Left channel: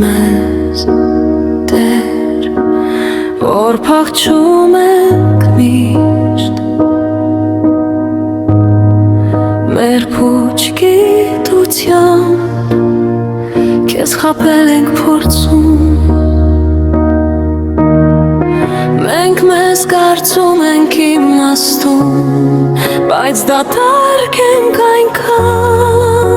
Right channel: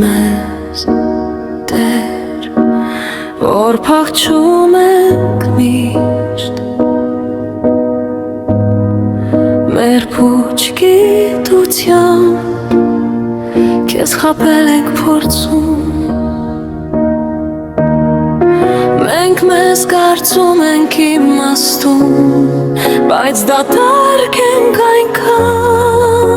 մեզ Տեր, որ փախչում ենք միշտ մեր փուչ գիտությամբ Քեզ խաբել ենք փորձում Մենք մեզ կարծում ենք իմաստուն Բայց դատարկ ենք այնքան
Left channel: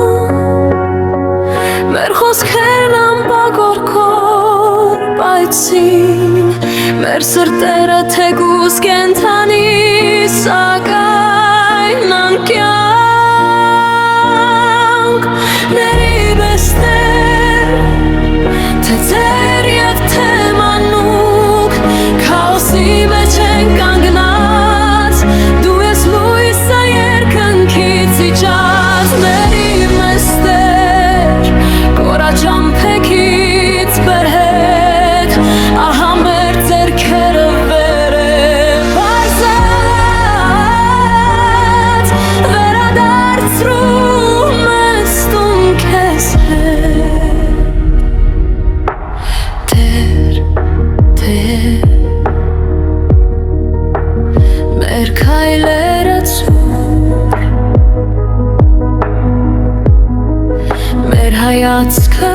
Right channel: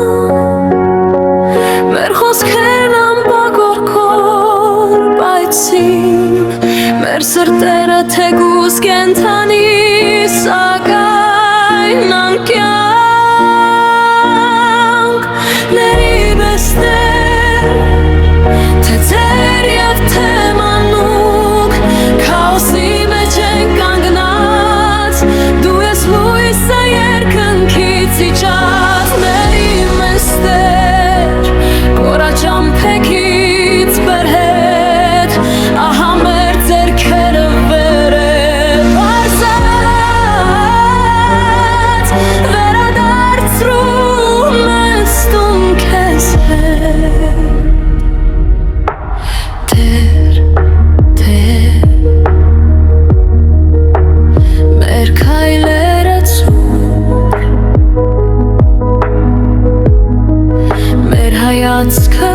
Մեր խոսքերն ամպագորկոր պայծին Մեր սրտերը թեկուզ կենթանի Սակայն անկյանք Ների պես Տեր Թե ձեր և թե մանուկ Քաոսի մեջ ենք կանգնած Դու ես լույսը երկնքից իջած Ների մեզ Տեր Կորաճամփեքից բերհետ Ահա մեր ձեռքերը վեր է բարձած Վերադարձրում ես տուն քեզ հետ Տեր, Տեր Մեր քայլերը ծուր Մեր հայացքը